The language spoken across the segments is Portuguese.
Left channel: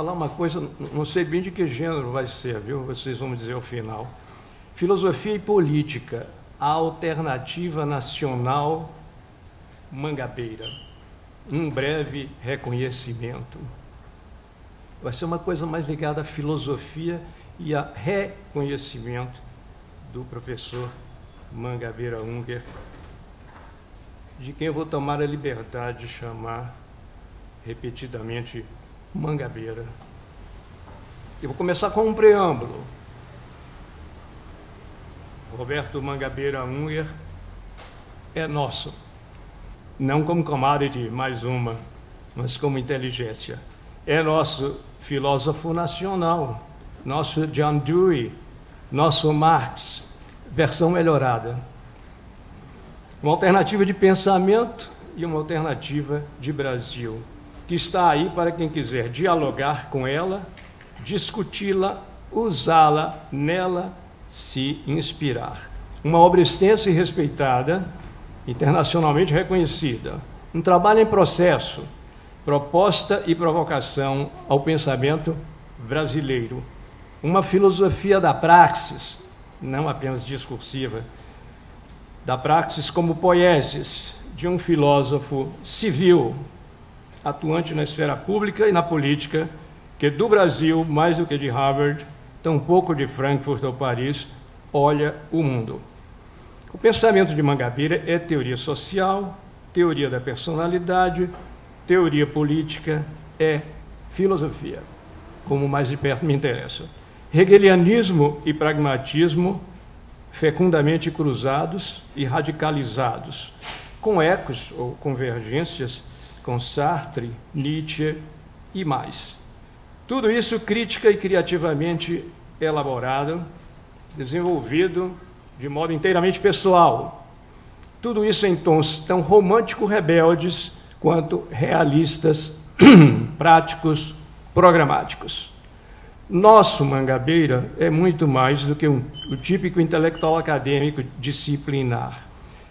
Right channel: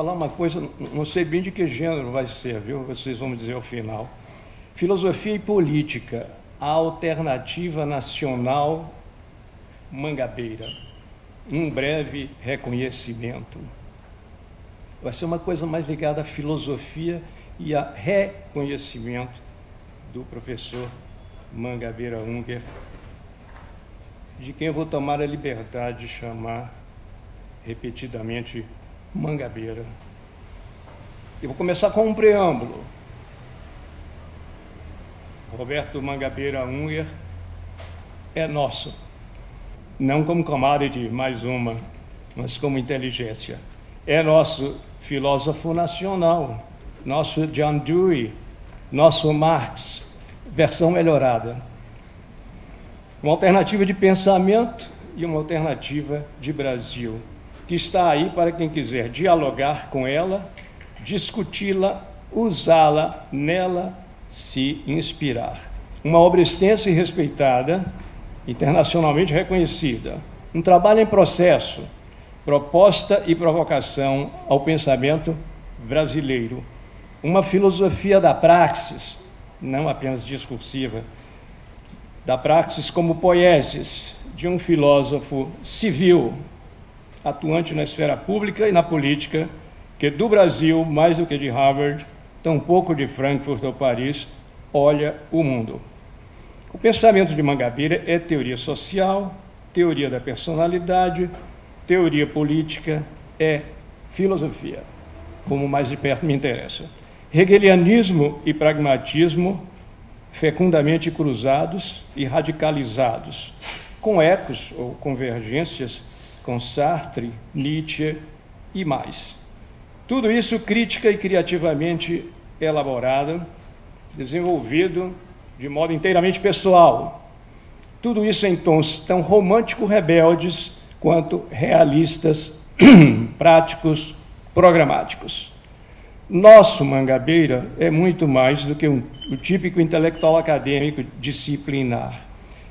falar uma coisa, não sei bem de que gênero vai ser, viu? Vocês vão me dizer ao final. Filosofia e política, a alternativa nacional mangabeira. Um breve reconhecimento. Vai ser uma coisa mais ligada à filosofia e a reconhecimento do professor Mangabeira Unger, de quem eu vou tomar a liberdade de chamar repetidamente Mangabeira. Eu vou começar com um preâmbulo. Roberto Mangabeira Unger é nosso, não como commodity, mais uma, mas como inteligência. É nosso filósofo nacional, nosso John Dewey, nosso Marx, versão melhorada. Uma alternativa de pensamento e uma alternativa de Brasil, que está aí para quem quiser dialogar com ela, discuti-la, usá-la, nela se inspirar. Uma obra extensa e respeitada, internacionalmente reconhecida. Um trabalho em processo, proposta e provocação ao pensamento brasileiro. Uma filosofia da praxis, não apenas discursiva, da praxis como poiesis, de um filósofo civil, atuante na esfera pública e na política, que do Brasil, mais do que de Harvard, tampouco de Frankfurt ou Paris, olha o mundo. O pensamento de Mangabeira é teoria social, teoria da personalidade, teoria política, é filosofia, como mais de perto me interessa. Hegelianismo e pragmatismo fecundamente cruzados e radicalizados, com ecos ou convergências com Sartre, Nietzsche e mais. Tudo isso crítica e criativamente elaborado, desenvolvido de modo inteiramente pessoal. Tudo isso em tons tão romântico-rebeldes quanto realistas, práticos, programáticos. Nosso Mangabeira é muito mais do que o típico intelectual acadêmico disciplinar.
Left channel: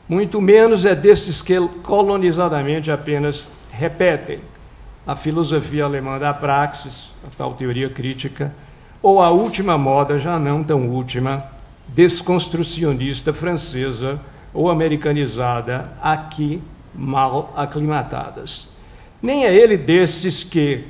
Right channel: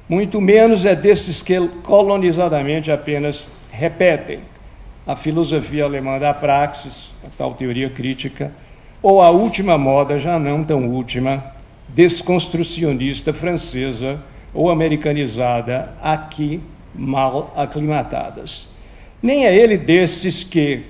Muito menos é desses que colonizadamente apenas repetem a filosofia alemã da praxis, a tal teoria crítica, ou a última moda, já não tão última, desconstrucionista francesa ou americanizada, aqui mal aclimatadas. Nem é ele desses que,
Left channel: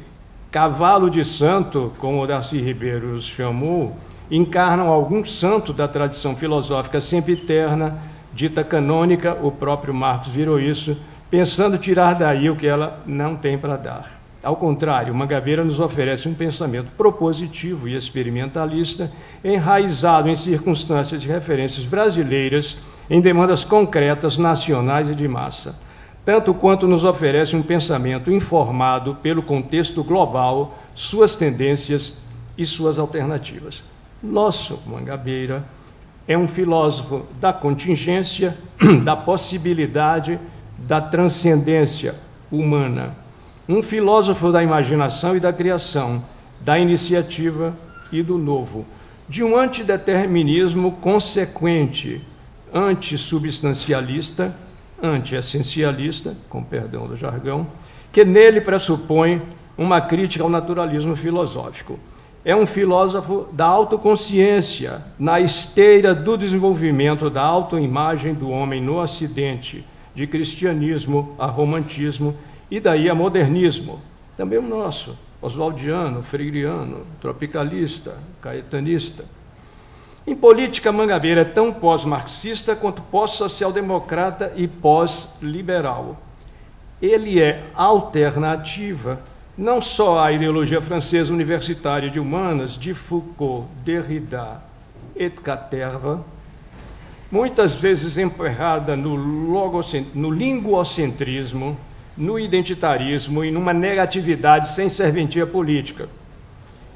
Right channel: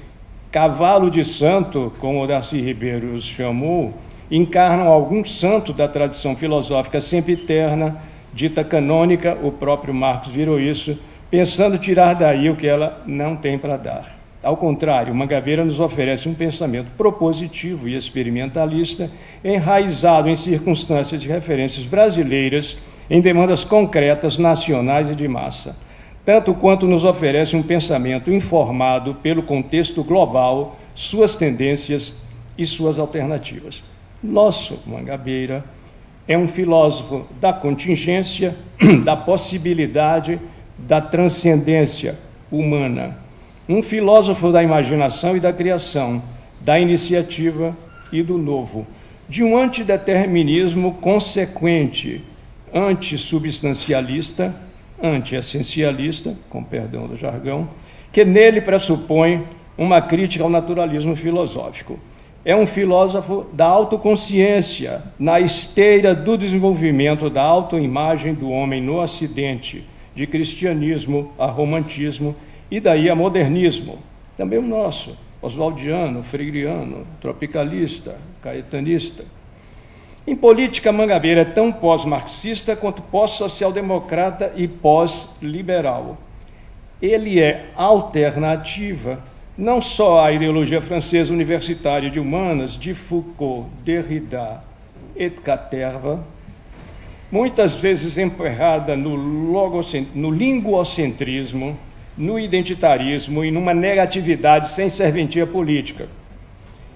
cavalo de santo, como o Darcy Ribeiro os chamou, encarnam algum santo da tradição filosófica sempre eterna, dita canônica, o próprio Marx virou isso, pensando tirar daí o que ela não tem para dar. Ao contrário, Mangabeira nos oferece um pensamento propositivo e experimentalista, enraizado em circunstâncias e referências brasileiras, em demandas concretas, nacionais e de massa, tanto quanto nos oferece um pensamento informado pelo contexto global, suas tendências e suas alternativas. Nosso Mangabeira é um filósofo da contingência, da possibilidade, da transcendência humana. Um filósofo da imaginação e da criação, da iniciativa e do novo, de um antideterminismo consequente, antissubstancialista, anti-essencialista, com perdão do jargão, que nele pressupõe uma crítica ao naturalismo filosófico. É um filósofo da autoconsciência, na esteira do desenvolvimento da autoimagem do homem no Ocidente, de cristianismo a romantismo e daí a modernismo, também o nosso, oswaldiano, freiriano, tropicalista, caetanista. Em política, Mangabeira é tão pós-marxista quanto pós-social-democrata e pós-liberal. Ele é alternativa não só à ideologia francesa universitária de humanas de Foucault, Derrida et Caterva, muitas vezes emperrada no linguocentrismo, no identitarismo e numa negatividade sem serventia política.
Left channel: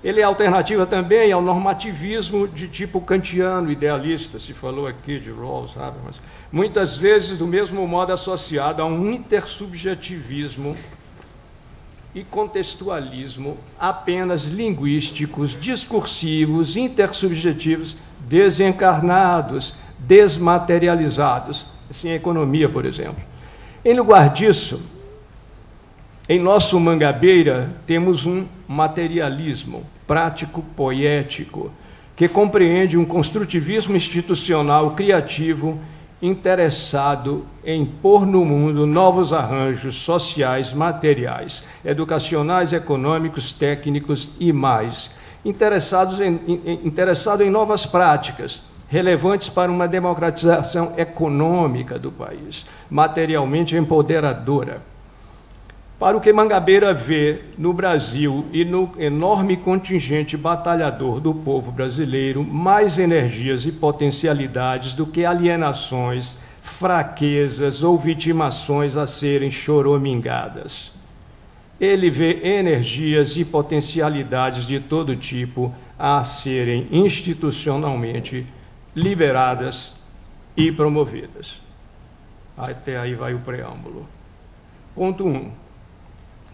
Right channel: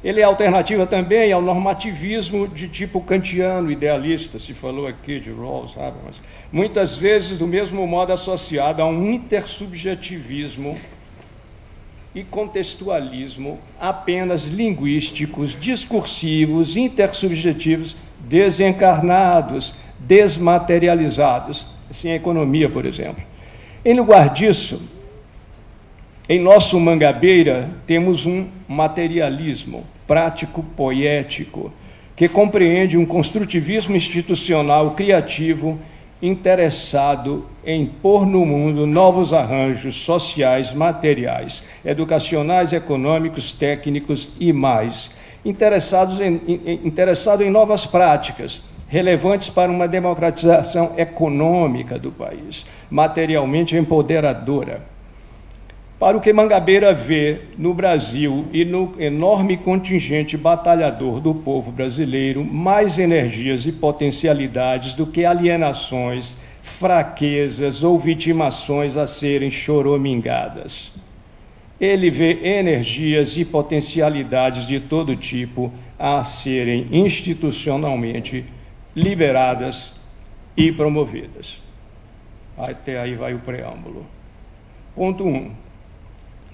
Ele é alternativa também ao normativismo de tipo kantiano, idealista, se falou aqui de Rawls, Habermas, muitas vezes do mesmo modo associado a um intersubjetivismo e contextualismo apenas linguísticos, discursivos, intersubjetivos, desencarnados, desmaterializados, assim a economia, por exemplo. Em lugar disso, Em nosso Mangabeira, temos um materialismo prático poético que compreende um construtivismo institucional criativo interessado em pôr no mundo novos arranjos sociais, materiais, educacionais, econômicos, técnicos e mais, interessado em novas práticas, relevantes para uma democratização econômica do país, materialmente empoderadora. Para o que Mangabeira vê no Brasil e no enorme contingente batalhador do povo brasileiro, mais energias e potencialidades do que alienações, fraquezas ou vitimações a serem choromingadas. Ele vê energias e potencialidades de todo tipo a serem institucionalmente liberadas e promovidas. Até aí vai o preâmbulo. Ponto 1.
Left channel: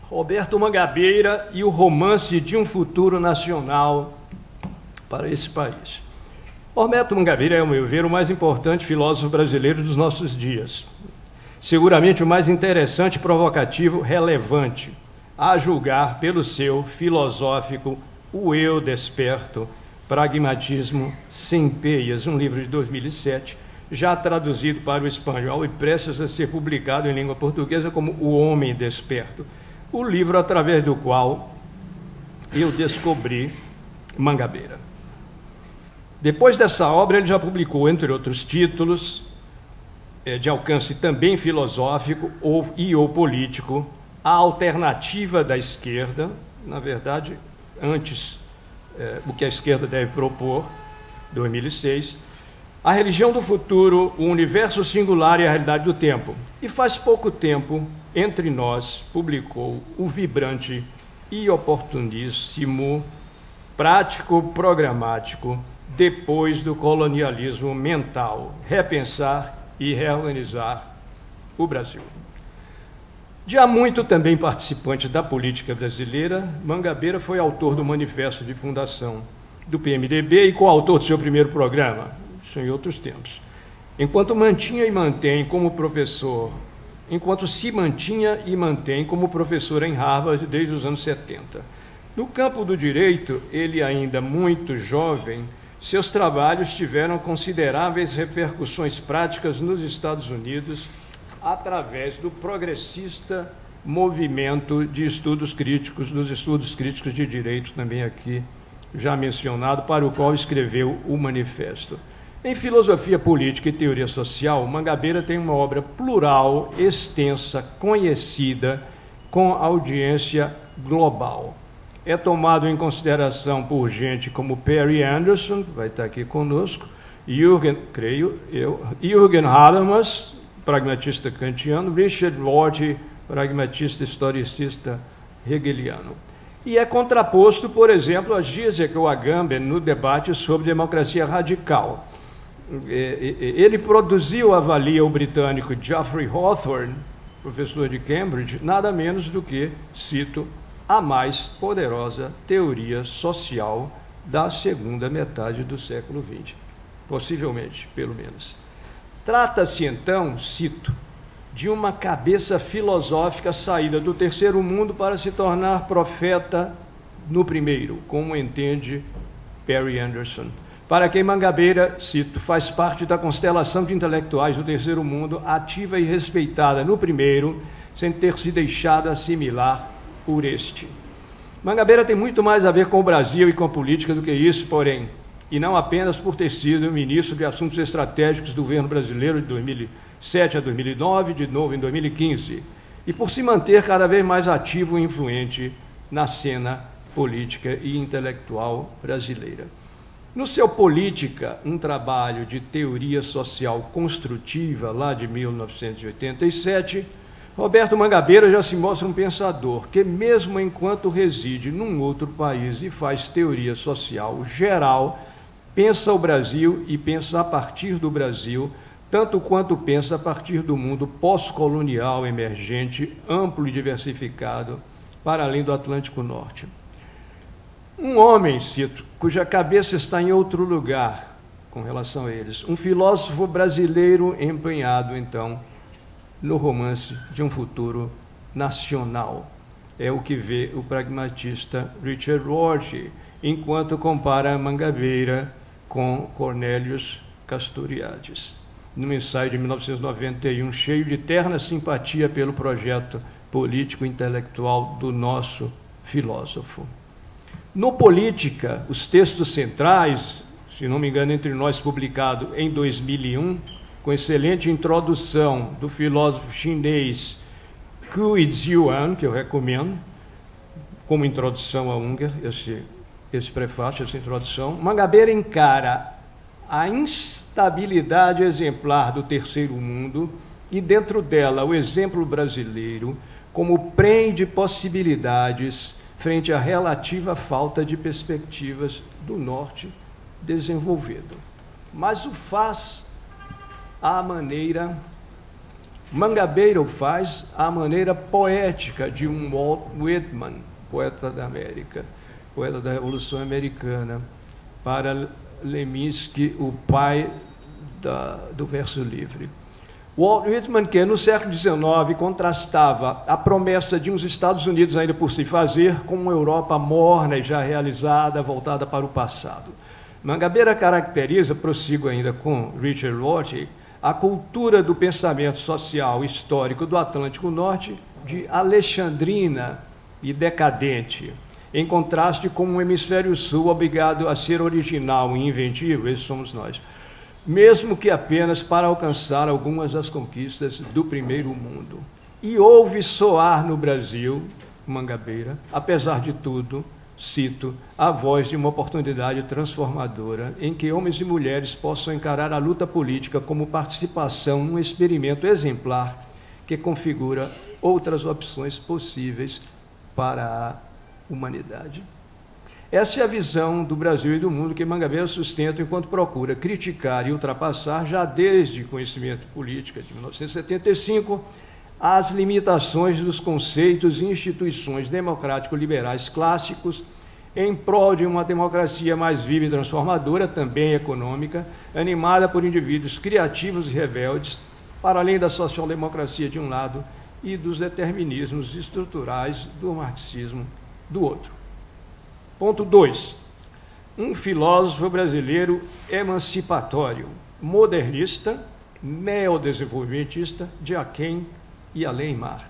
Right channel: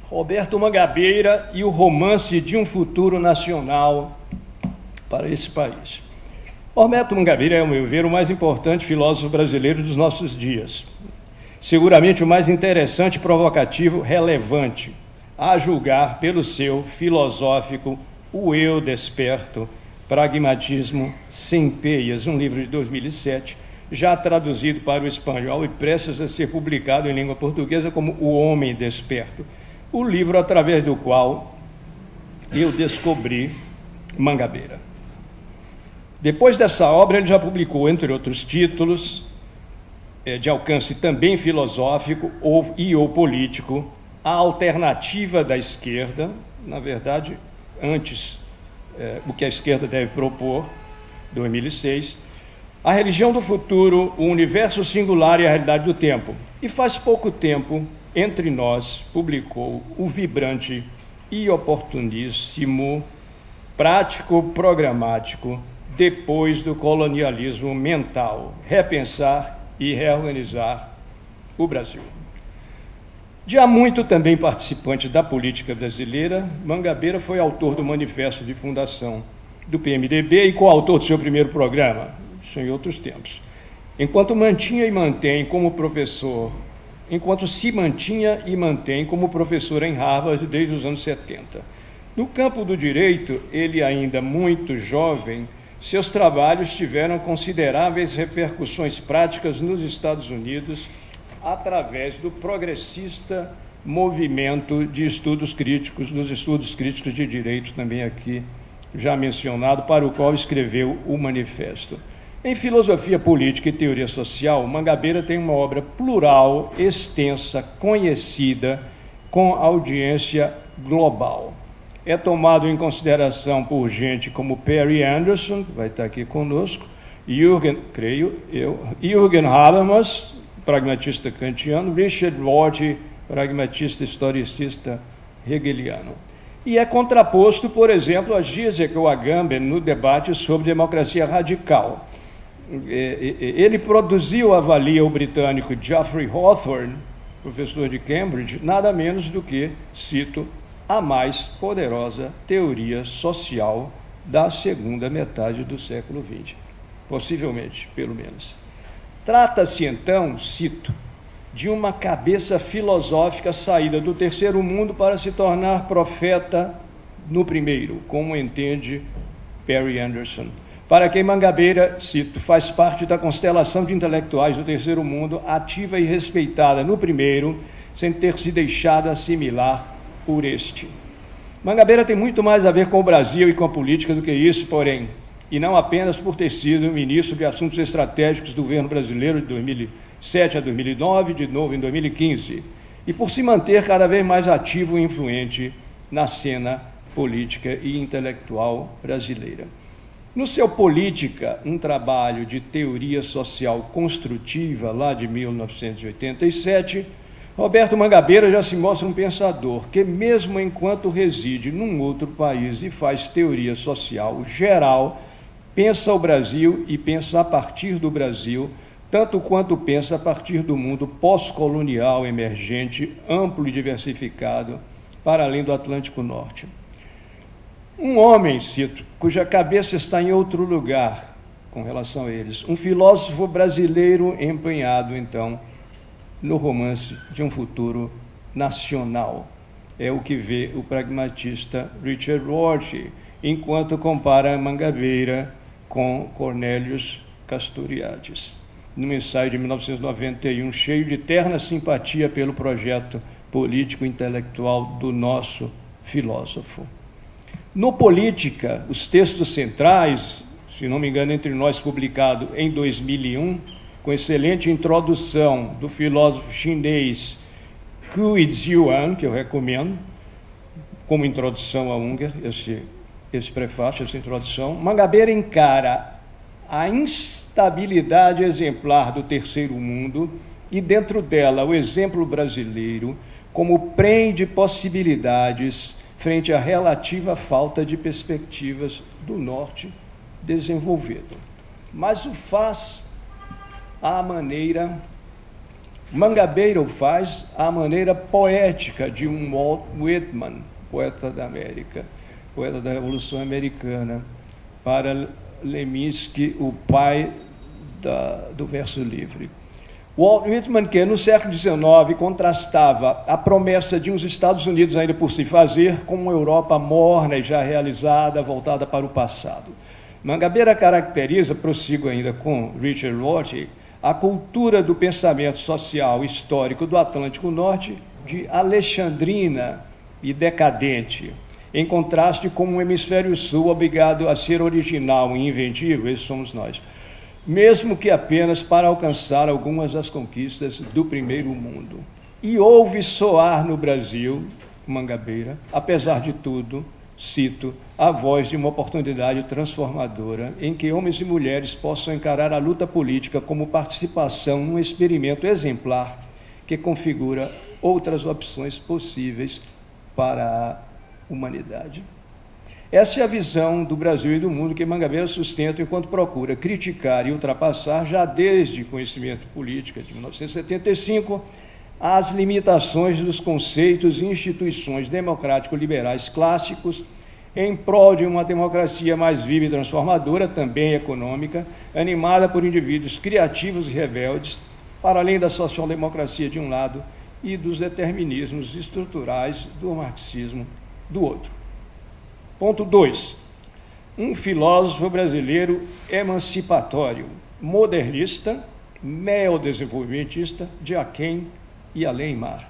Roberto Mangabeira e o romance de um futuro nacional para esse país. Roberto Mangabeira é, ao meu ver, o mais importante filósofo brasileiro dos nossos dias. Seguramente o mais interessante, provocativo, relevante, a julgar pelo seu filosófico O Eu Desperto, Pragmatismo Sem Peias, um livro de 2007, já traduzido para o espanhol e prestes a ser publicado em língua portuguesa como O Homem Desperto, o livro através do qual eu descobri Mangabeira. Depois dessa obra, ele já publicou, entre outros títulos, de alcance também filosófico ou político, A Alternativa da Esquerda, na verdade, antes o que a esquerda deve propor, 2006, A Religião do Futuro, O Universo Singular e a Realidade do Tempo. E faz pouco tempo, Entre Nós, publicou o vibrante e oportuníssimo Prático Programático Depois do Colonialismo Mental, Repensar e Reorganizar o Brasil. De há muito também participante da política brasileira, Mangabeira foi autor do Manifesto de Fundação do PMDB e coautor do seu primeiro programa, isso em outros tempos. Enquanto se mantinha e mantém como professor em Harvard desde os anos 70. No campo do direito, ele ainda muito jovem, seus trabalhos tiveram consideráveis repercussões práticas nos Estados Unidos através do progressista movimento de estudos críticos, dos estudos críticos de direito, também aqui já mencionado, para o qual escreveu o Manifesto. Em filosofia política e teoria social, Mangabeira tem uma obra plural, extensa, conhecida, com audiência global. É tomado em consideração por gente como Perry Anderson, que vai estar aqui conosco, Jürgen Habermas, pragmatista kantiano, Richard Rorty, pragmatista historicista hegeliano. E é contraposto, por exemplo, a Zizek ou Agamben no debate sobre democracia radical. Ele produziu, avalia o britânico Geoffrey Hawthorne, professor de Cambridge, nada menos do que, cito, a mais poderosa teoria social da segunda metade do século XX. Possivelmente, pelo menos. Trata-se, então, cito, de uma cabeça filosófica saída do terceiro mundo para se tornar profeta no primeiro, como entende Perry Anderson. Para quem Mangabeira, cito, faz parte da constelação de intelectuais do terceiro mundo, ativa e respeitada no primeiro, sem ter se deixado assimilar por este. Mangabeira tem muito mais a ver com o Brasil e com a política do que isso, porém, e não apenas por ter sido ministro de Assuntos Estratégicos do governo brasileiro de 2007 a 2009, de novo em 2015, e por se manter cada vez mais ativo e influente na cena política e intelectual brasileira. No seu Política, um trabalho de teoria social construtiva, lá de 1987, Roberto Mangabeira já se mostra um pensador que, mesmo enquanto reside num outro país e faz teoria social geral, pensa o Brasil e pensa a partir do Brasil, tanto quanto pensa a partir do mundo pós-colonial emergente, amplo e diversificado, para além do Atlântico Norte. Um homem, cito, cuja cabeça está em outro lugar com relação a eles. Um filósofo brasileiro empenhado, então, no romance de um futuro nacional é o que vê o pragmatista Richard Rorty, enquanto compara Mangabeira com Cornelius Castoriadis, num ensaio de 1991, cheio de terna simpatia pelo projeto político-intelectual do nosso filósofo. No Política, os textos centrais, se não me engano, Entre Nós, publicado em 2001, com excelente introdução do filósofo chinês Cui Zhuang, que eu recomendo, como introdução a Unger, esse prefácio, essa introdução. Mangabeira encara a instabilidade exemplar do terceiro mundo e, dentro dela, o exemplo brasileiro como prêmio de possibilidades frente à relativa falta de perspectivas do norte desenvolvido. Mas o faz à maneira, Mangabeira o faz à maneira poética de um Walt Whitman, poeta da América, poeta da Revolução Americana, para Leminski, o pai do verso livre. Walt Whitman, que no século XIX contrastava a promessa de uns Estados Unidos ainda por se fazer com uma Europa morna e já realizada, voltada para o passado. Mangabeira caracteriza, prossigo ainda com Richard Rorty, a cultura do pensamento social histórico do Atlântico Norte de alexandrina e decadente, em contraste com um hemisfério sul obrigado a ser original e inventivo, esses somos nós, mesmo que apenas para alcançar algumas das conquistas do primeiro mundo. E ouve soar no Brasil, Mangabeira, apesar de tudo, cito, a voz de uma oportunidade transformadora em que homens e mulheres possam encarar a luta política como participação num experimento exemplar que configura outras opções possíveis para a humanidade. Essa é a visão do Brasil e do mundo que Mangabeira sustenta enquanto procura criticar e ultrapassar, já desde Conhecimento Política, de 1975, as limitações dos conceitos e instituições democrático-liberais clássicos em prol de uma democracia mais viva e transformadora, também econômica, animada por indivíduos criativos e rebeldes, para além da social-democracia de um lado e dos determinismos estruturais do marxismo do outro. Ponto 2. Um filósofo brasileiro emancipatório, modernista, neodesenvolvimentista, de aquém e além-mar.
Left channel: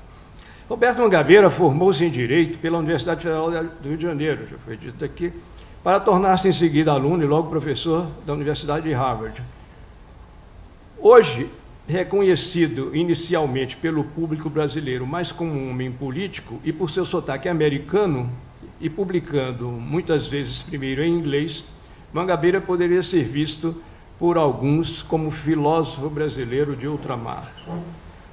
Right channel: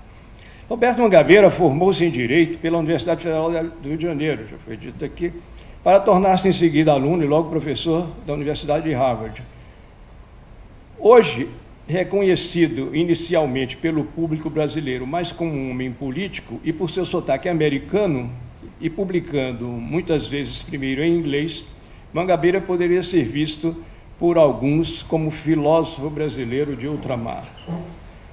Roberto Mangabeira formou-se em Direito pela Universidade Federal do Rio de Janeiro, já foi dito aqui, para tornar-se em seguida aluno e logo professor da Universidade de Harvard. Hoje, reconhecido inicialmente pelo público brasileiro mais como um homem político e por seu sotaque americano, e publicando muitas vezes primeiro em inglês, Mangabeira poderia ser visto por alguns como filósofo brasileiro de ultramar.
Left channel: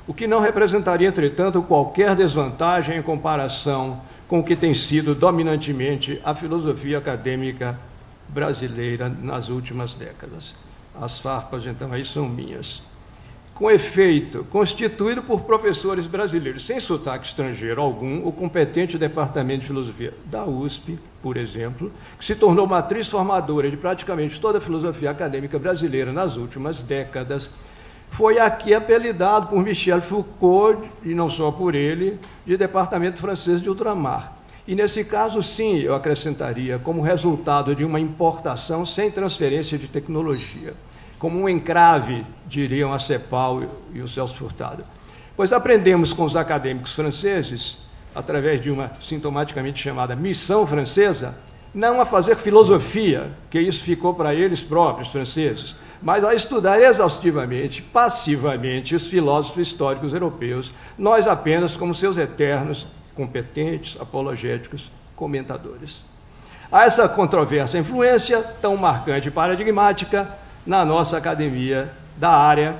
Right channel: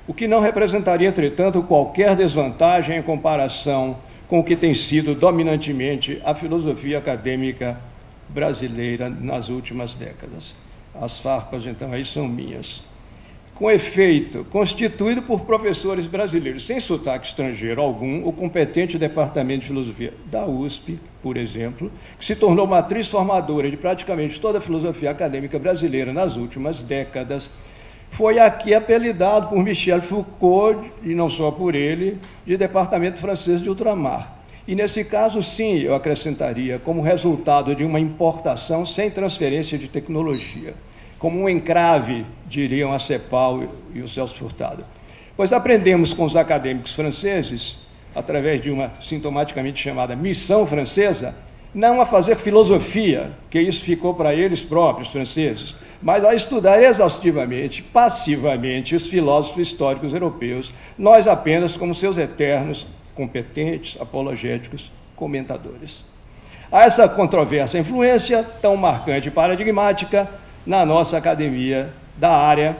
O que não representaria, entretanto, qualquer desvantagem em comparação com o que tem sido dominantemente a filosofia acadêmica brasileira nas últimas décadas. As farpas, então, aí são minhas. Com efeito, constituído por professores brasileiros sem sotaque estrangeiro algum, o competente Departamento de Filosofia da USP, por exemplo, que se tornou matriz formadora de praticamente toda a filosofia acadêmica brasileira nas últimas décadas, foi aqui apelidado por Michel Foucault, e não só por ele, de Departamento Francês de Ultramar. E nesse caso, sim, eu acrescentaria, como resultado de uma importação sem transferência de tecnologia, como um encrave, diriam a Cepal e o Celso Furtado. Pois aprendemos com os acadêmicos franceses, através de uma sintomaticamente chamada missão francesa, não a fazer filosofia, que isso ficou para eles próprios, franceses, mas a estudar exaustivamente, passivamente, os filósofos históricos europeus, nós apenas como seus eternos, competentes, apologéticos, comentadores. Há essa controversa influência, tão marcante e paradigmática, na nossa academia da área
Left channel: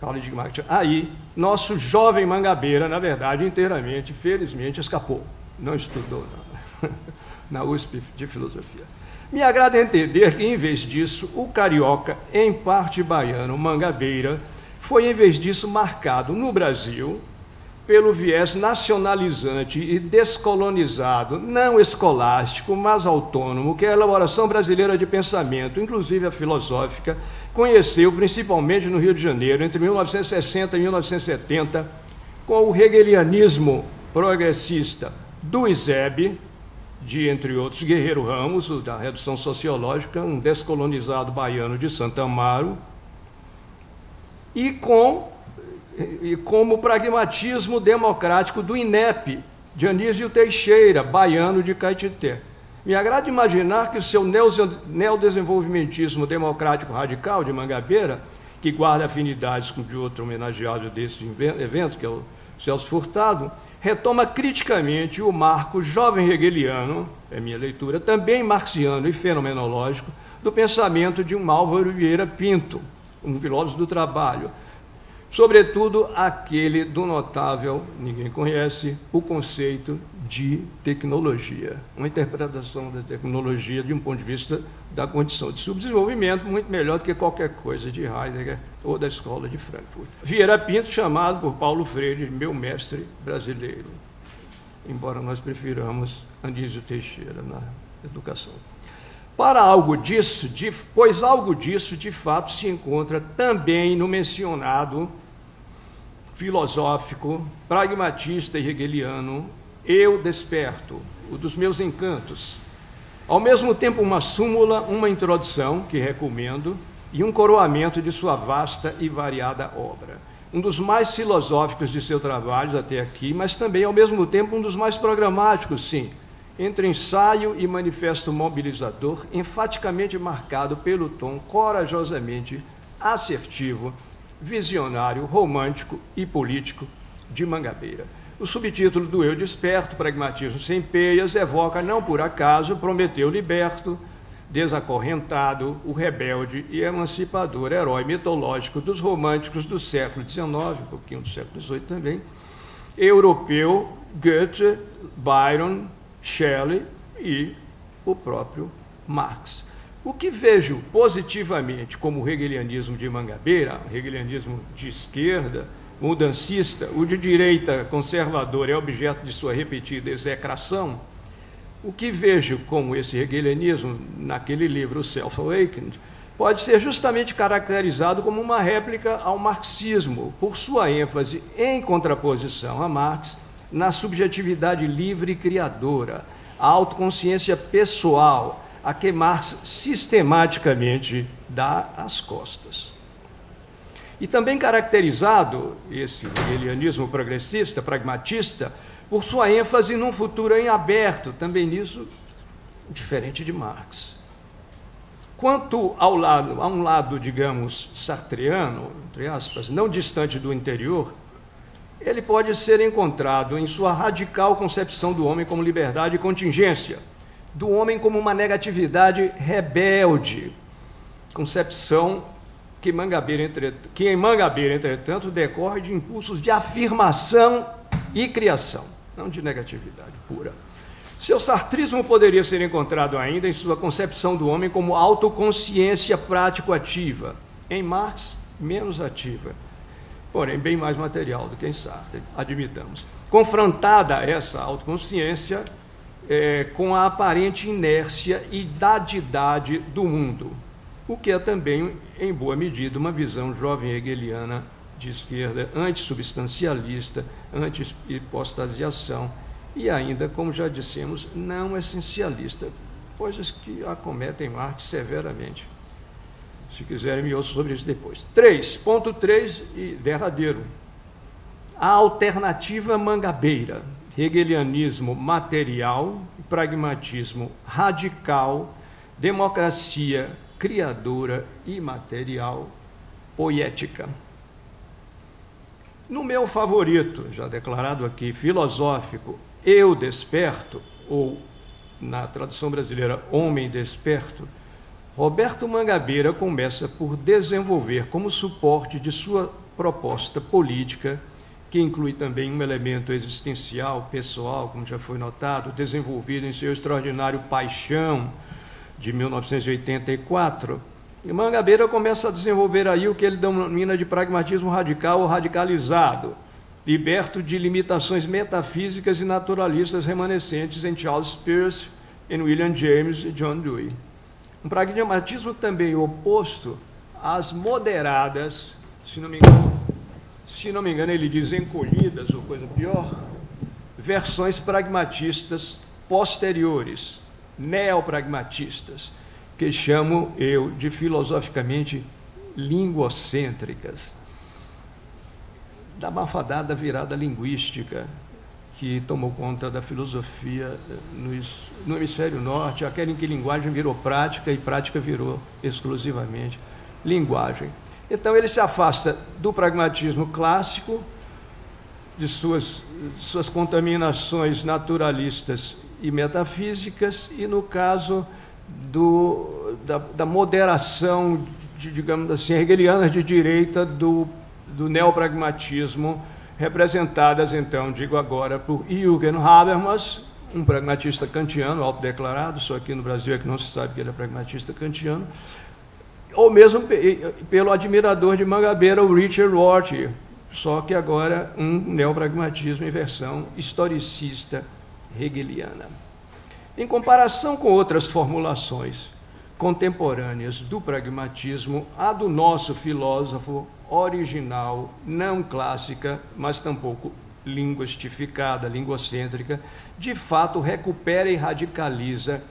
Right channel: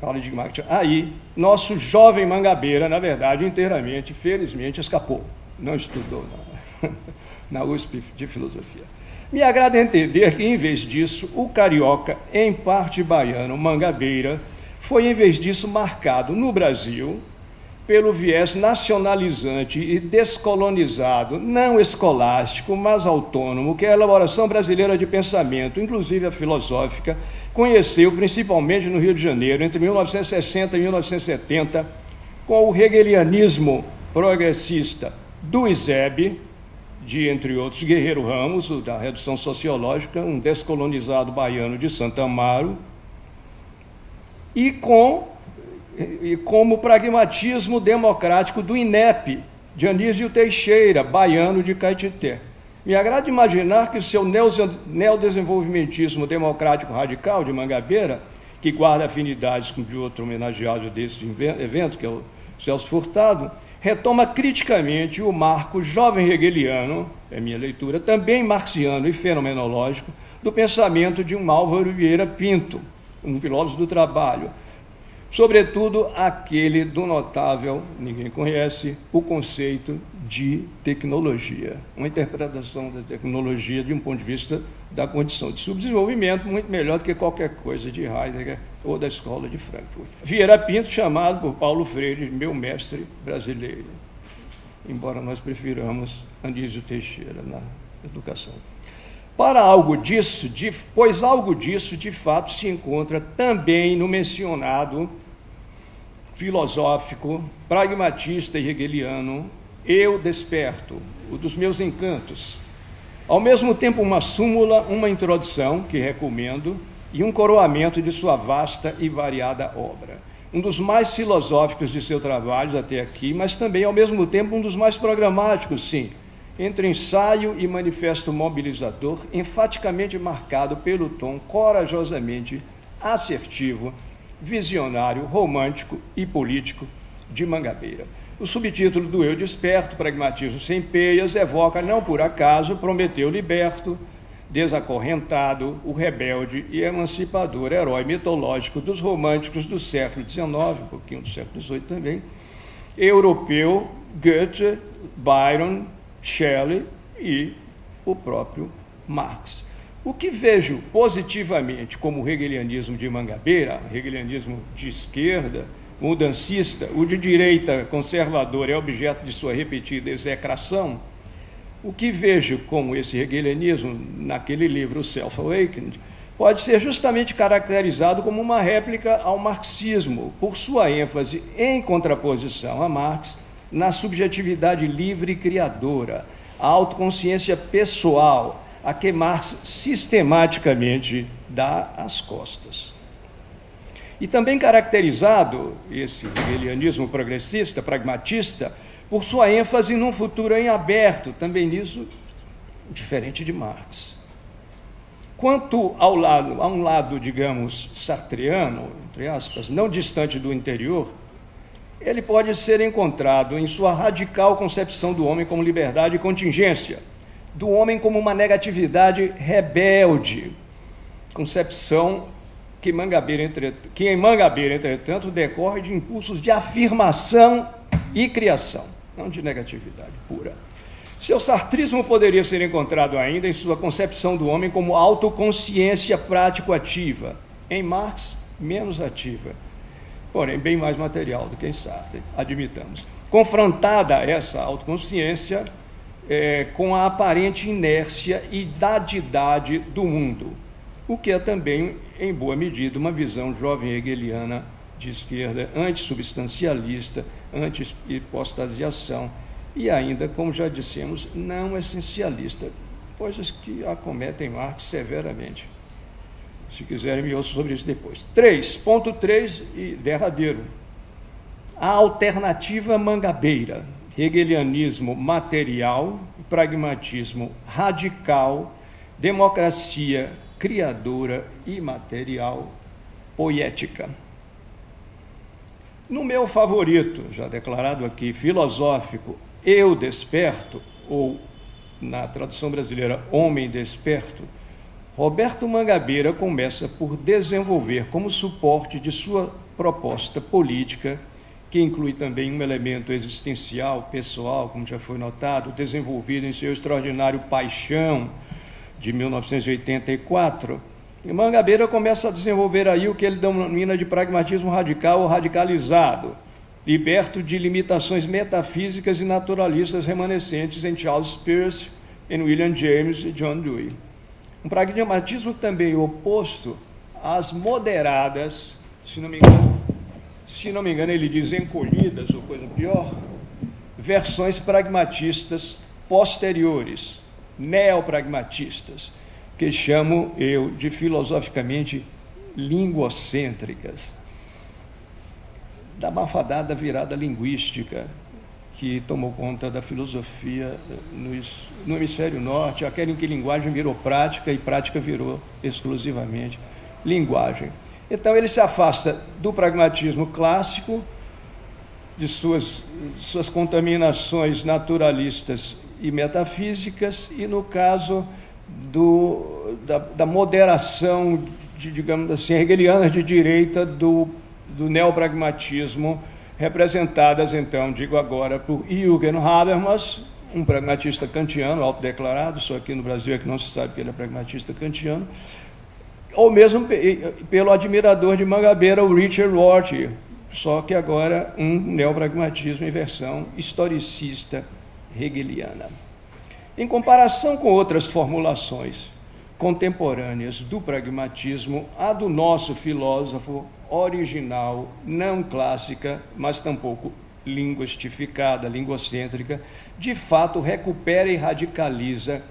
paradigmática. Aí, nosso jovem Mangabeira, na verdade, inteiramente, felizmente, escapou. Não estudou na USP de Filosofia. Me agrada entender que, em vez disso, o carioca, em parte baiano, Mangabeira, foi, em vez disso, marcado no Brasil pelo viés nacionalizante e descolonizado, não escolástico, mas autônomo, que a elaboração brasileira de pensamento, inclusive a filosófica, conheceu principalmente no Rio de Janeiro, entre 1960 e 1970, com o hegelianismo progressista do ISEB, de, entre outros, Guerreiro Ramos, da Redução Sociológica, um descolonizado baiano de Santa Amaro, e como pragmatismo democrático do INEP, de Anísio Teixeira, baiano de Caetité. Me agrada imaginar que o seu neodesenvolvimentismo democrático radical de Mangabeira, que guarda afinidades com de outro homenageado desse evento, que é o Celso Furtado, retoma criticamente o marco jovem hegeliano, é minha leitura, também marxiano e fenomenológico, do pensamento de um Álvaro Vieira Pinto, um filósofo do trabalho, sobretudo aquele do notável, ninguém conhece, o conceito de tecnologia, uma interpretação da tecnologia de um ponto de vista da condição de subdesenvolvimento muito melhor do que qualquer coisa de Heidegger ou da escola de Frankfurt. Vieira Pinto, chamado por Paulo Freire, meu mestre brasileiro, embora nós prefiramos Anísio Teixeira na educação. Pois algo disso, de fato, se encontra também no mencionado filosófico, pragmatista e hegeliano Eu Desperto, o dos meus encantos. Ao mesmo tempo, uma súmula, uma introdução, que recomendo, e um coroamento de sua vasta e variada obra. Um dos mais filosóficos de seu trabalho até aqui, mas também, ao mesmo tempo, um dos mais programáticos, sim, entre ensaio e manifesto mobilizador, enfaticamente marcado pelo tom corajosamente assertivo, visionário, romântico e político de Mangabeira. O subtítulo do Eu Desperto, Pragmatismo Sem Peias, evoca, não por acaso, Prometeu liberto, desacorrentado, o rebelde e emancipador herói mitológico dos românticos do século XIX, um pouquinho do século XVIII também, europeu, Goethe, Byron, Shelley e o próprio Marx. O que vejo positivamente como o hegelianismo de Mangabeira, hegelianismo de esquerda, mudancista, o de direita conservador é objeto de sua repetida execração, o que vejo como esse hegelianismo naquele livro Self-Awakened pode ser justamente caracterizado como uma réplica ao marxismo, por sua ênfase em contraposição a Marx na subjetividade livre e criadora, a autoconsciência pessoal, a que Marx sistematicamente dá as costas. E também caracterizado, esse hegelianismo progressista, pragmatista, por sua ênfase num futuro em aberto, também nisso, diferente de Marx. Quanto a um lado, digamos, sartreano, entre aspas, não distante do interior, ele pode ser encontrado em sua radical concepção do homem como liberdade e contingência, do homem como uma negatividade rebelde, concepção que em Mangabeira, entretanto, decorre de impulsos de afirmação e criação, não de negatividade pura. Seu sartrismo poderia ser encontrado ainda em sua concepção do homem como autoconsciência prático-ativa, em Marx, menos ativa, porém bem mais material do que em Sartre, admitamos. Confrontada essa autoconsciência com a aparente inércia e dadidade do mundo, o que é também, em boa medida, uma visão jovem hegeliana de esquerda, antissubstancialista, anti-hipostasiação e ainda, como já dissemos, não essencialista, coisas que acometem Marx severamente. Se quiserem, me ouçam sobre isso depois. 3.3 e derradeiro. A alternativa Mangabeira, hegelianismo material, pragmatismo radical, democracia criadora e material poética. No meu favorito, já declarado aqui, filosófico, Eu Desperto, ou na tradução brasileira, Homem Desperto, Roberto Mangabeira começa por desenvolver como suporte de sua proposta política, que inclui também um elemento existencial, pessoal, como já foi notado, desenvolvido em seu extraordinário Paixão, de 1984, e Mangabeira começa a desenvolver aí o que ele denomina de pragmatismo radical ou radicalizado, liberto de limitações metafísicas e naturalistas remanescentes em Charles Peirce, em William James e John Dewey. Um pragmatismo também oposto às moderadas, se não me engano ele diz encolhidas ou coisa pior, versões pragmatistas posteriores, neopragmatistas, que chamo eu de filosoficamente linguocêntricas, da malfadada virada linguística que tomou conta da filosofia no hemisfério norte, aquela em que linguagem virou prática e prática virou exclusivamente linguagem. Então ele se afasta do pragmatismo clássico, de suas contaminações naturalistas e metafísicas, e no caso da moderação, digamos assim, hegeliana de direita do neopragmatismo, representadas, então, digo agora, por Jürgen Habermas, um pragmatista kantiano, autodeclarado, só aqui no Brasil é que não se sabe que ele é pragmatista kantiano, ou mesmo pelo admirador de Mangabeira, o Richard Rorty, só que agora um neopragmatismo em versão historicista hegeliana. Em comparação com outras formulações contemporâneas do pragmatismo, a do nosso filósofo original, não clássica, mas tampouco linguistificada, linguocêntrica, de fato recupera e radicaliza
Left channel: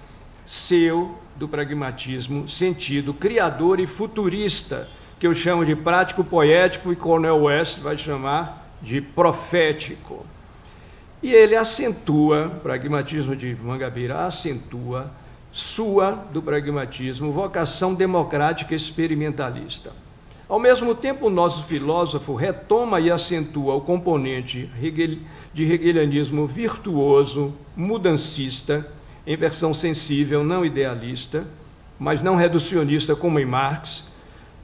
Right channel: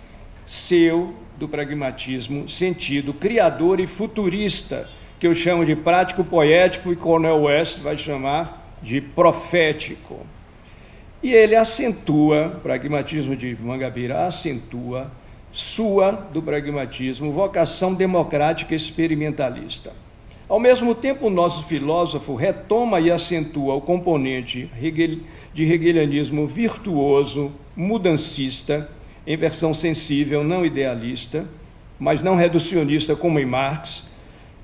do pragmatismo, sentido criador e futurista, que eu chamo de prático poético e Cornel West vai chamar de profético. E ele acentua, o pragmatismo de Mangabeira acentua do pragmatismo, vocação democrática experimentalista. Ao mesmo tempo, o nosso filósofo retoma e acentua o componente de hegelianismo virtuoso, mudancista, em versão sensível, não idealista, mas não reducionista como em Marx,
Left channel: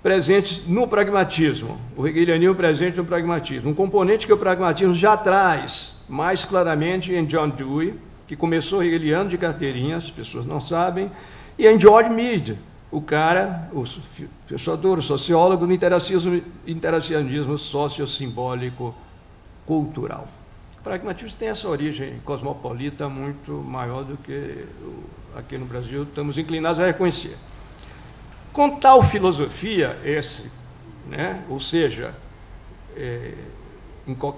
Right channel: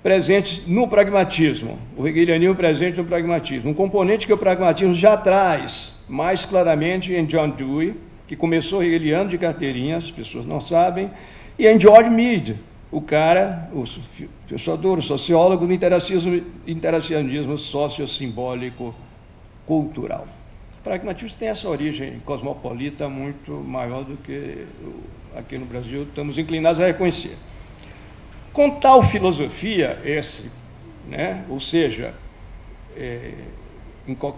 presentes no pragmatismo, o hegelianismo presente no pragmatismo, um componente que o pragmatismo já traz mais claramente em John Dewey, que começou hegeliano de carteirinha, as pessoas não sabem, e em George Mead, o cara, o pensador, o sociólogo do interacionismo sociosimbólico cultural. O pragmatismo tem essa origem cosmopolita muito maior do que aqui no Brasil estamos inclinados a reconhecer. Com tal filosofia, ou seja,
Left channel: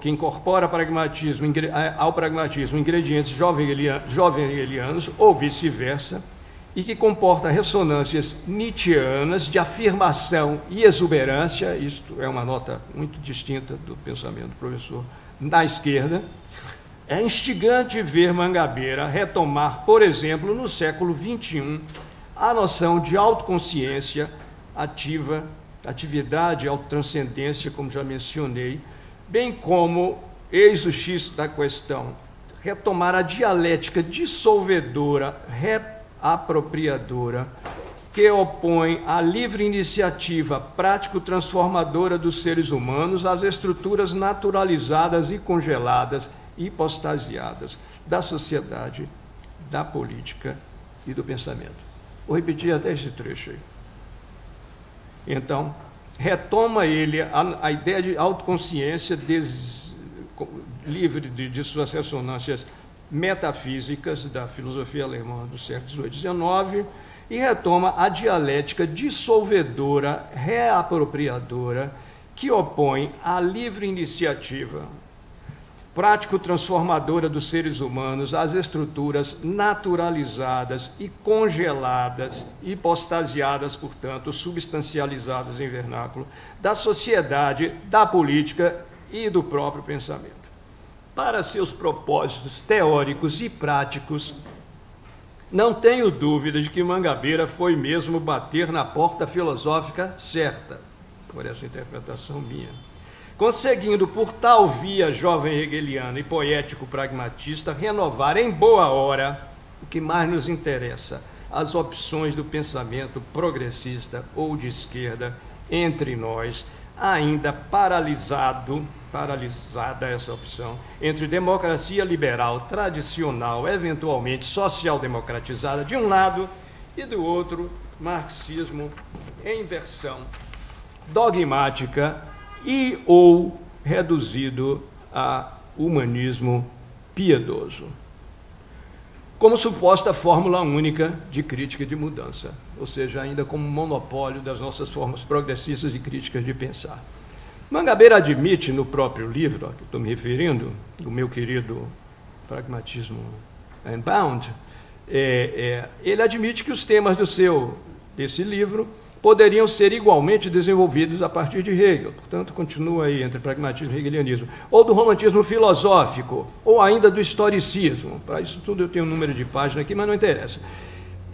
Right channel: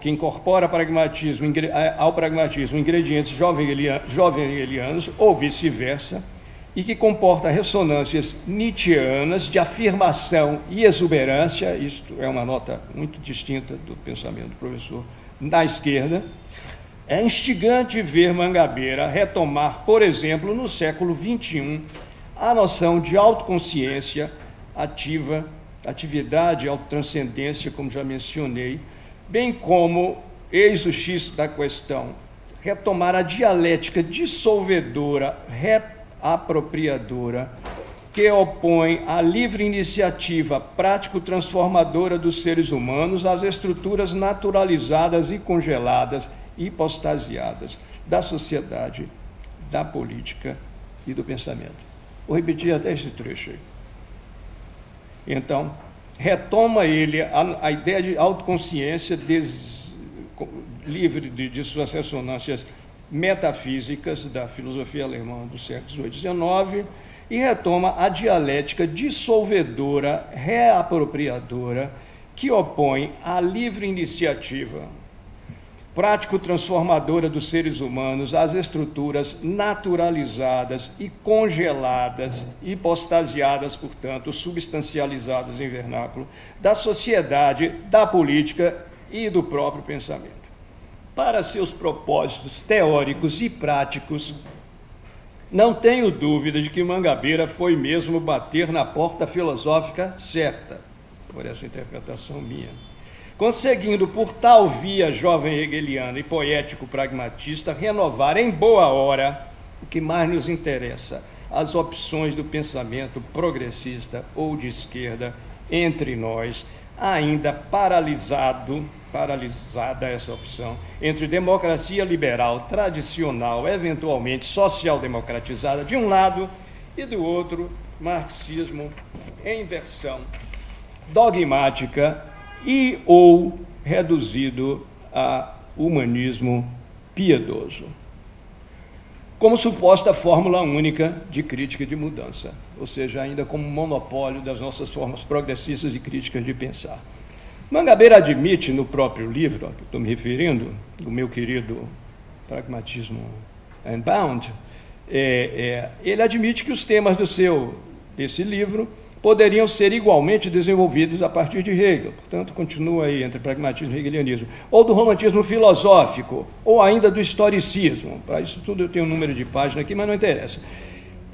que incorpora ao pragmatismo ingredientes jovem-hegelianos, ou vice-versa, e que comporta ressonâncias nietzschianas de afirmação e exuberância, isto é uma nota muito distinta do pensamento do professor da esquerda, é instigante ver Mangabeira retomar, por exemplo, no século XXI, a noção de autoconsciência ativa, atividade, autotranscendência, como já mencionei, bem como, eis o X da questão, retomar a dialética dissolvedora, reapropriadora, que opõe a livre iniciativa prático-transformadora dos seres humanos às estruturas naturalizadas e congeladas e hipostasiadas da sociedade, da política e do pensamento. Vou repetir até esse trecho aí. Então, retoma ele a ideia de autoconsciência livre de suas ressonâncias metafísicas da filosofia alemã do século XVIII e XIX e retoma a dialética dissolvedora, reapropriadora, que opõe à livre iniciativa prático-transformadora dos seres humanos às estruturas naturalizadas e congeladas, hipostasiadas, portanto, substancializadas em vernáculo, da sociedade, da política e do próprio pensamento. Para seus propósitos teóricos e práticos, não tenho dúvida de que Mangabeira foi mesmo bater na porta filosófica certa, por essa interpretação minha, conseguindo, por tal via jovem hegeliana e poético-pragmatista, renovar em boa hora o que mais nos interessa, as opções do pensamento progressista ou de esquerda entre nós, ainda paralisada essa opção, entre democracia liberal tradicional, eventualmente social-democratizada, de um lado, e do outro, marxismo em versão dogmática e ou reduzido a humanismo piedoso, como suposta fórmula única de crítica e de mudança, ou seja, ainda como monopólio das nossas formas progressistas e críticas de pensar. Mangabeira admite no próprio livro, a que estou me referindo, do meu querido Pragmatism Unbound, ele admite que os temas desse livro poderiam ser igualmente desenvolvidos a partir de Hegel, portanto, continua aí entre pragmatismo e hegelianismo, ou do romantismo filosófico, ou ainda do historicismo. Para isso tudo eu tenho um número de página aqui, mas não interessa.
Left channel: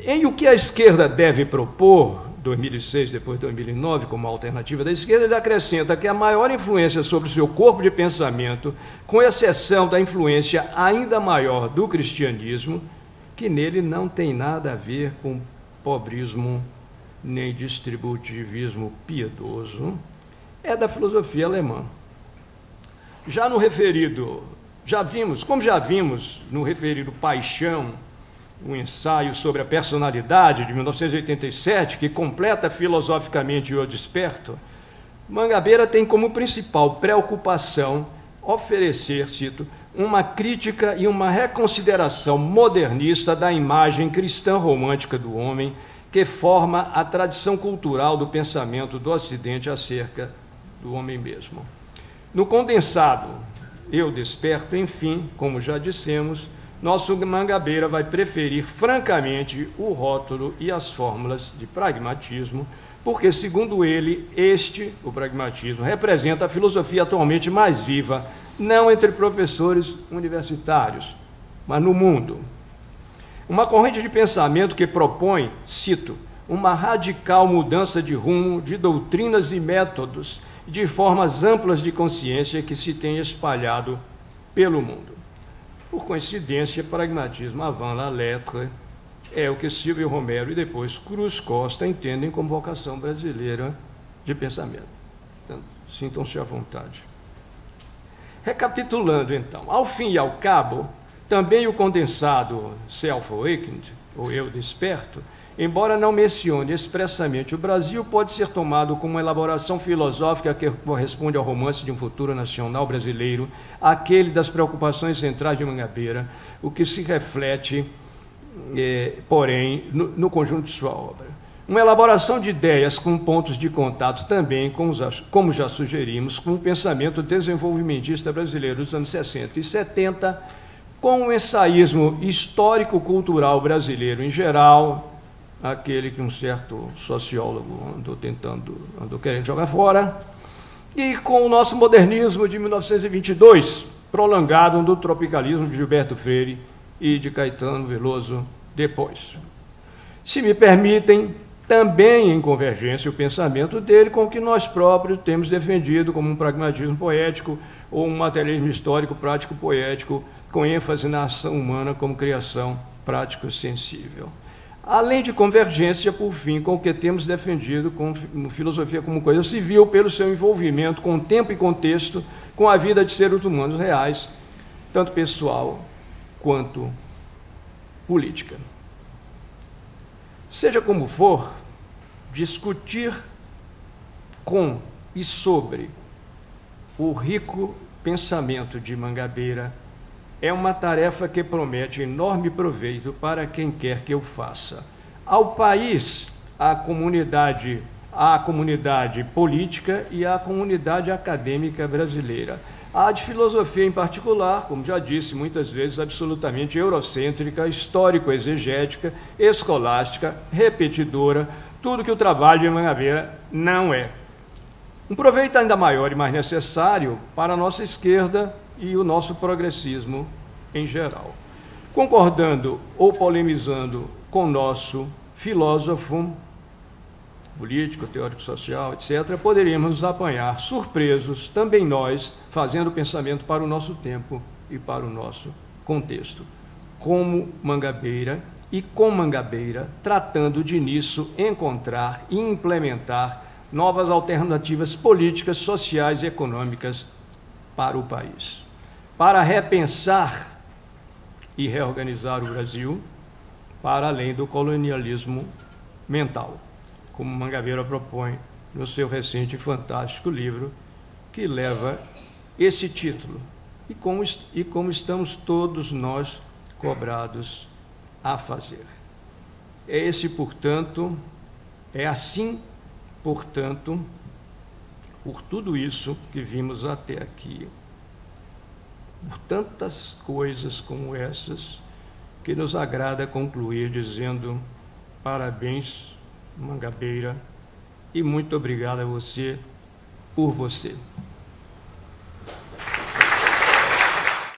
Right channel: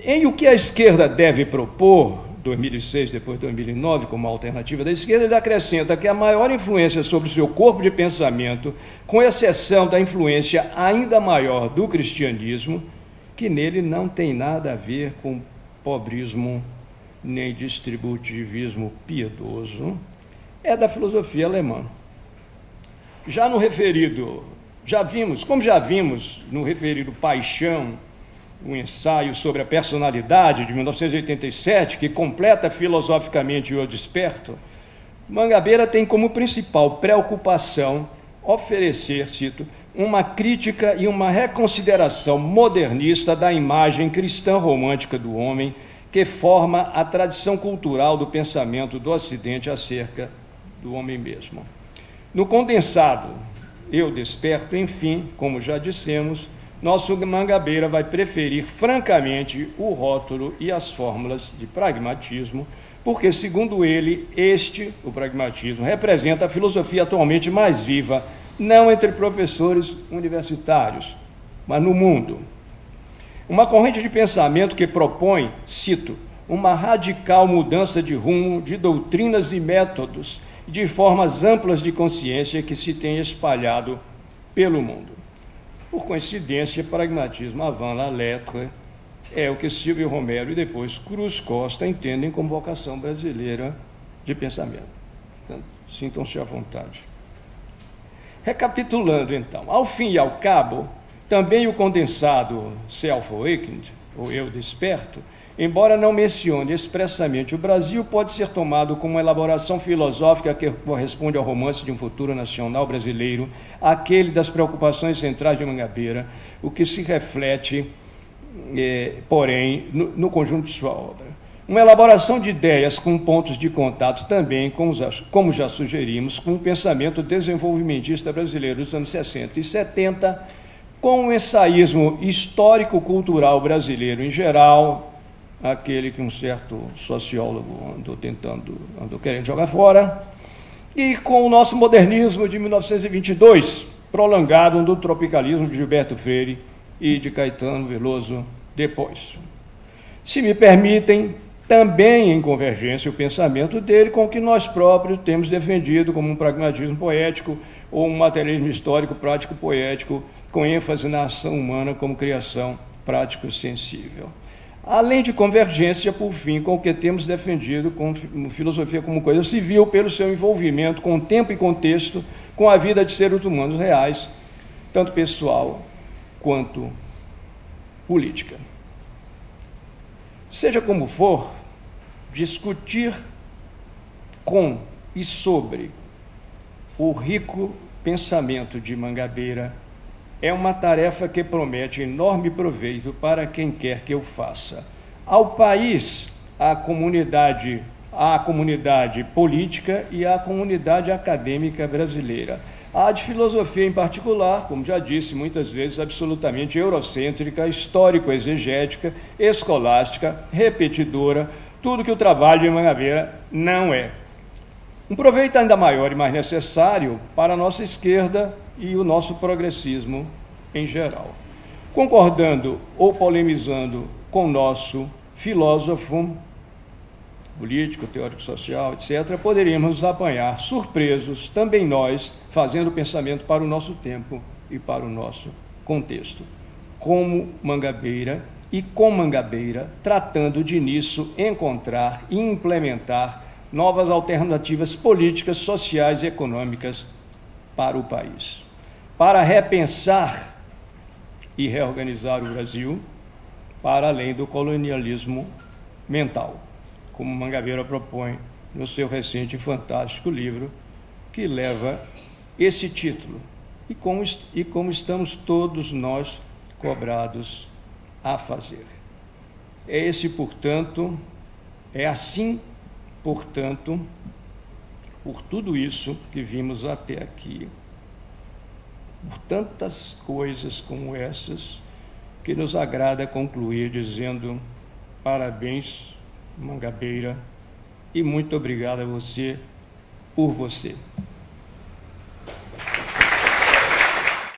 Em O que a esquerda deve propor, 2006, depois de 2009, como alternativa da esquerda, ele acrescenta que a maior influência sobre o seu corpo de pensamento, com exceção da influência ainda maior do cristianismo, que nele não tem nada a ver com pobrismo nem distributivismo piedoso, é da filosofia alemã. Já vimos no referido Paixão, um ensaio sobre a personalidade de 1987, que completa filosoficamente O Desperto, Mangabeira tem como principal preocupação oferecer, cito, uma crítica e uma reconsideração modernista da imagem cristã romântica do homem, que forma a tradição cultural do pensamento do Ocidente acerca do homem mesmo. No condensado, Eu Desperto, enfim, como já dissemos, nosso Mangabeira vai preferir francamente o rótulo e as fórmulas de pragmatismo, porque, segundo ele, o pragmatismo, representa a filosofia atualmente mais viva, não entre professores universitários, mas no mundo. Uma corrente de pensamento que propõe, cito, uma radical mudança de rumo, de doutrinas e métodos, de formas amplas de consciência que se tem espalhado pelo mundo. Por coincidência, pragmatismo avant la lettre é o que Silvio Romero e depois Cruz Costa entendem como vocação brasileira de pensamento. Então, sintam-se à vontade. Recapitulando, então, ao fim e ao cabo, também o condensado Self-Awakened, ou Eu Desperto, embora não mencione expressamente o Brasil, pode ser tomado como uma elaboração filosófica que corresponde ao romance de um futuro nacional brasileiro, aquele das preocupações centrais de Mangabeira, o que se reflete, porém, no conjunto de sua obra. Uma elaboração de ideias com pontos de contato também, como já sugerimos, com o pensamento desenvolvimentista brasileiro dos anos 60 e 70, com o ensaísmo histórico-cultural brasileiro em geral, aquele que um certo sociólogo andou querendo jogar fora, e com o nosso modernismo de 1922, prolongado do tropicalismo de Gilberto Freire e de Caetano Veloso depois. Se me permitem, também em convergência o pensamento dele com o que nós próprios temos defendido como um pragmatismo poético ou um materialismo histórico prático poético com ênfase na ação humana como criação prático sensível. Além de convergência, por fim, com o que temos defendido como filosofia como coisa civil pelo seu envolvimento com tempo e contexto, com a vida de seres humanos reais, tanto pessoal quanto política. Seja como for, discutir com e sobre o rico pensamento de Mangabeira é uma tarefa que promete enorme proveito para quem quer que eu faça. Ao país, à comunidade política e à comunidade acadêmica brasileira. A de filosofia em particular, como já disse, muitas vezes absolutamente eurocêntrica, histórico-exegética, escolástica, repetidora, tudo que o trabalho de Mangabeira não é. Um proveito ainda maior e mais necessário para a nossa esquerda e o nosso progressismo em geral. Concordando ou polemizando com o nosso filósofo, político, teórico social, etc., poderíamos nos apanhar surpresos, também nós, fazendo pensamento para o nosso tempo e para o nosso contexto, como Mangabeira e com Mangabeira, tratando de nisso encontrar e implementar novas alternativas políticas, sociais e econômicas para o país, para repensar e reorganizar o Brasil para além do colonialismo mental, como Mangabeira propõe no seu recente e fantástico livro, que leva esse título, e como estamos todos nós cobrados a fazer. É assim, portanto, por tudo isso que vimos até aqui, por tantas coisas como essas, que nos agrada concluir dizendo parabéns, Mangabeira, e muito obrigado a você por você.